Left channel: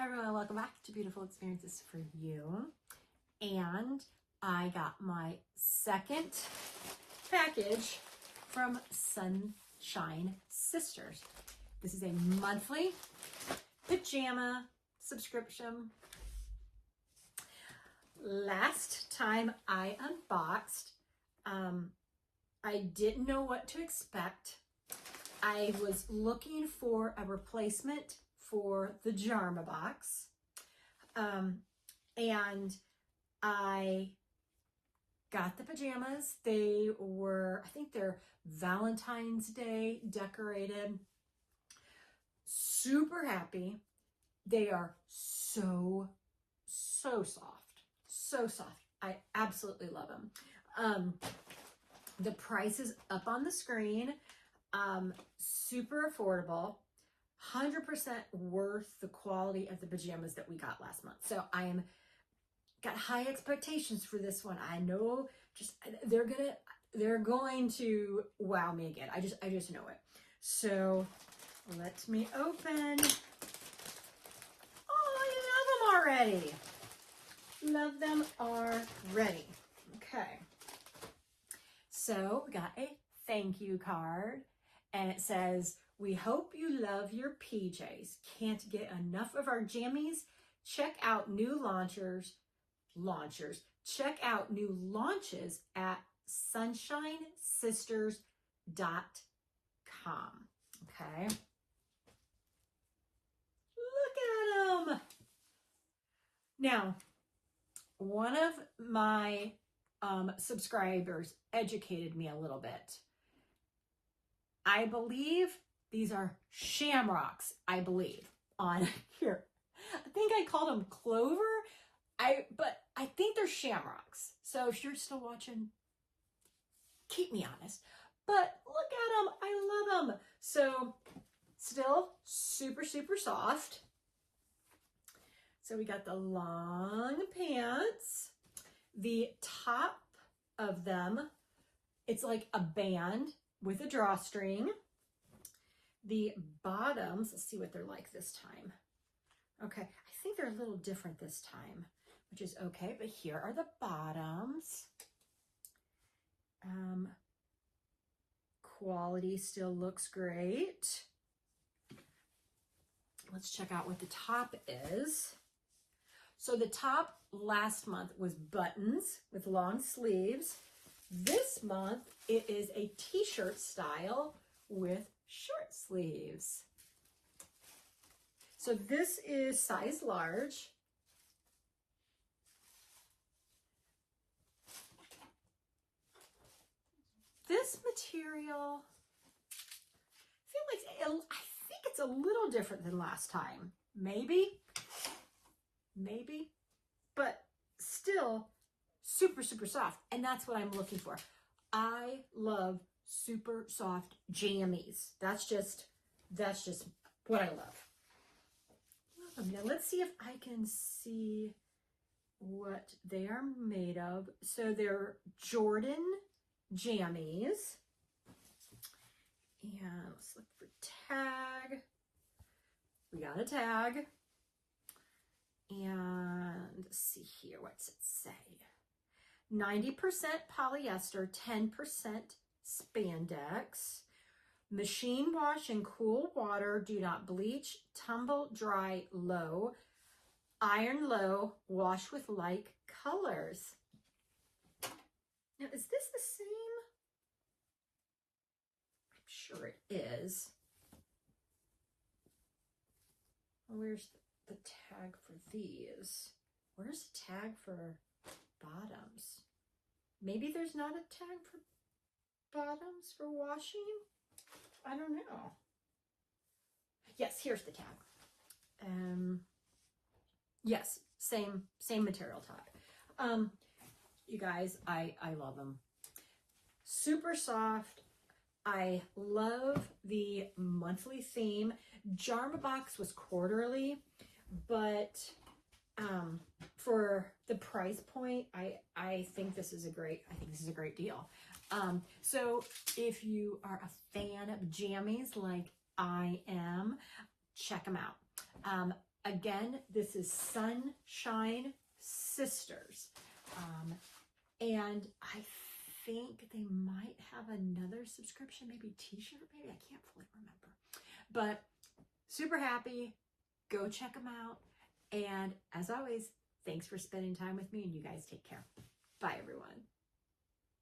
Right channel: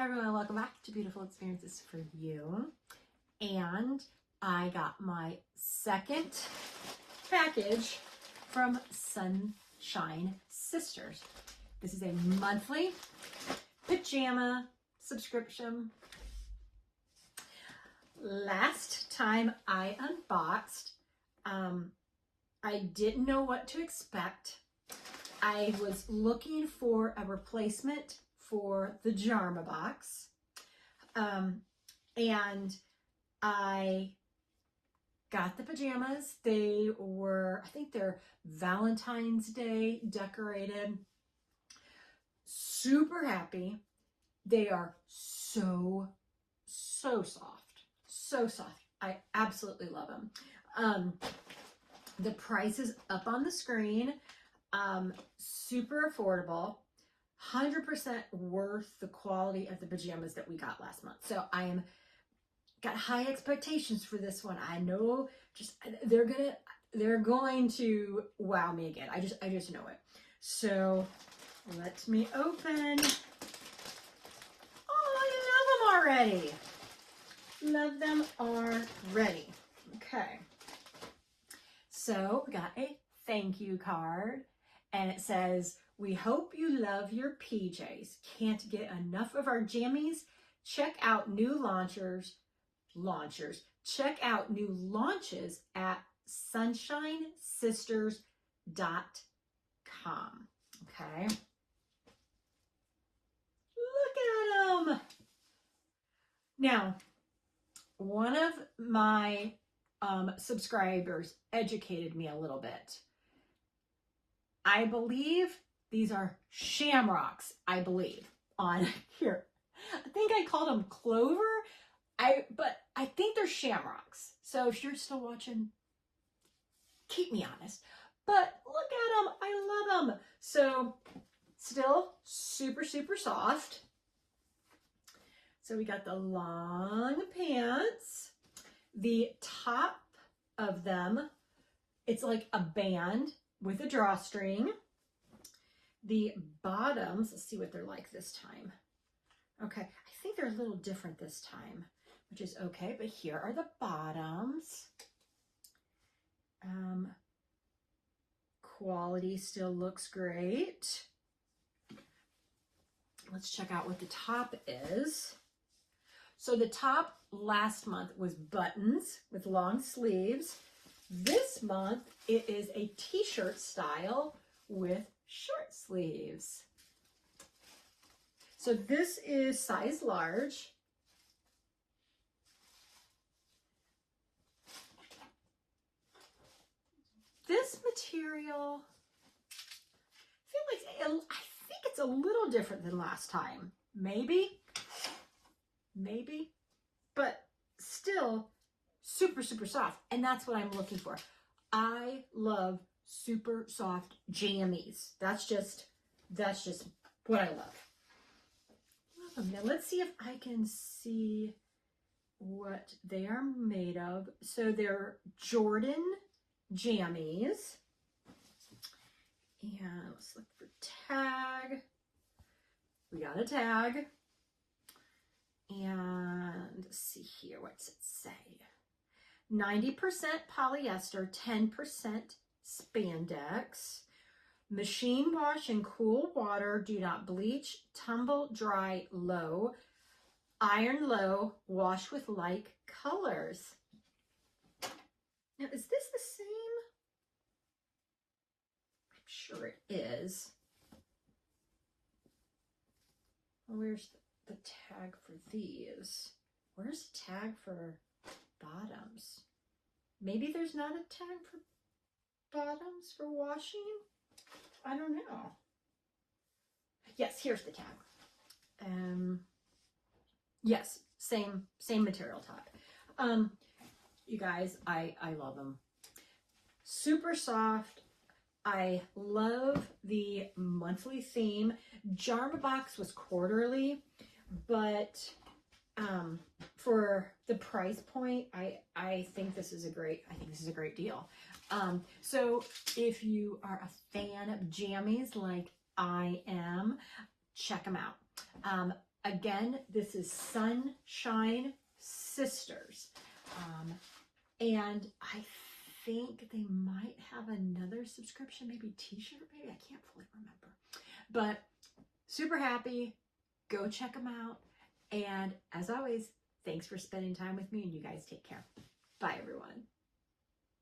Hi everyone, welcome back to Beautiful Experiences for You. And I got my second package from Sunshine Sisters. This is a monthly pajama subscription. Last time I unboxed, I didn't know what to expect. I was looking for a replacement for the Pajamas box, and I got the pajamas. They were, I think they're Valentine's Day decorated. Super happy. They are so soft, so soft. I absolutely love them. The price is up on the screen. Super affordable. 100% worth the quality of the pajamas that we got last month. So got high expectations for this one. I know they're going to wow me again. I just know it. So let me open. Oh, I love them already. Love them already. Okay. So we got a thank you card, and it says, "We hope you love your PJs. Can't get enough of our jammies? Check out new launches. Check out new launches at sunshinesisters.com." Okay. Look at them. Now, one of my subscribers educated me a little bit. I believe these are shamrocks, I believe, on here. I think I called them clover, but I think they're shamrocks. So if you're still watching, keep me honest. But look at them. I love them. So still super, super soft. So we got the long pants. The top of them, it's like a band with a drawstring. The bottoms, let's see what they're like this time. Okay, I think they're a little different this time, which is okay, but here are the bottoms. Quality still looks great. Let's check out what the top is. So the top last month was buttons with long sleeves. This month it is a t-shirt style with short sleeves. So this is size large. This material, I think it's a little different than last time. Maybe, but still super, super soft. And that's what I'm looking for. I love super soft jammies. That's just what I love. Now let's see if I can see what they are made of. So they're Jordan jammies. And let's look for tag. We got a tag. And let's see here, what's it say? 90% polyester, 10% spandex. Machine wash in cool water. Do not bleach. Tumble dry low. Iron low. Wash with like colors. Now, is this the same? I'm sure it is. Where's the tag for these? Where's the tag for bottoms? Maybe there's not a tag for bottoms for washing? I don't know. Yes, here's the tag. Yes, same material tag. You guys, I love them. Super soft. I love the monthly theme. Pajamas box was quarterly, but for the price point, I think this is a great deal. So if you are a fan of jammies like I am, check them out. Again, this is Sunshine Sisters. And I think they might have another subscription, maybe t-shirt, maybe, I can't fully remember. But super happy. Go check them out. And as always, thanks for spending time with me, and you guys take care. Bye, everyone.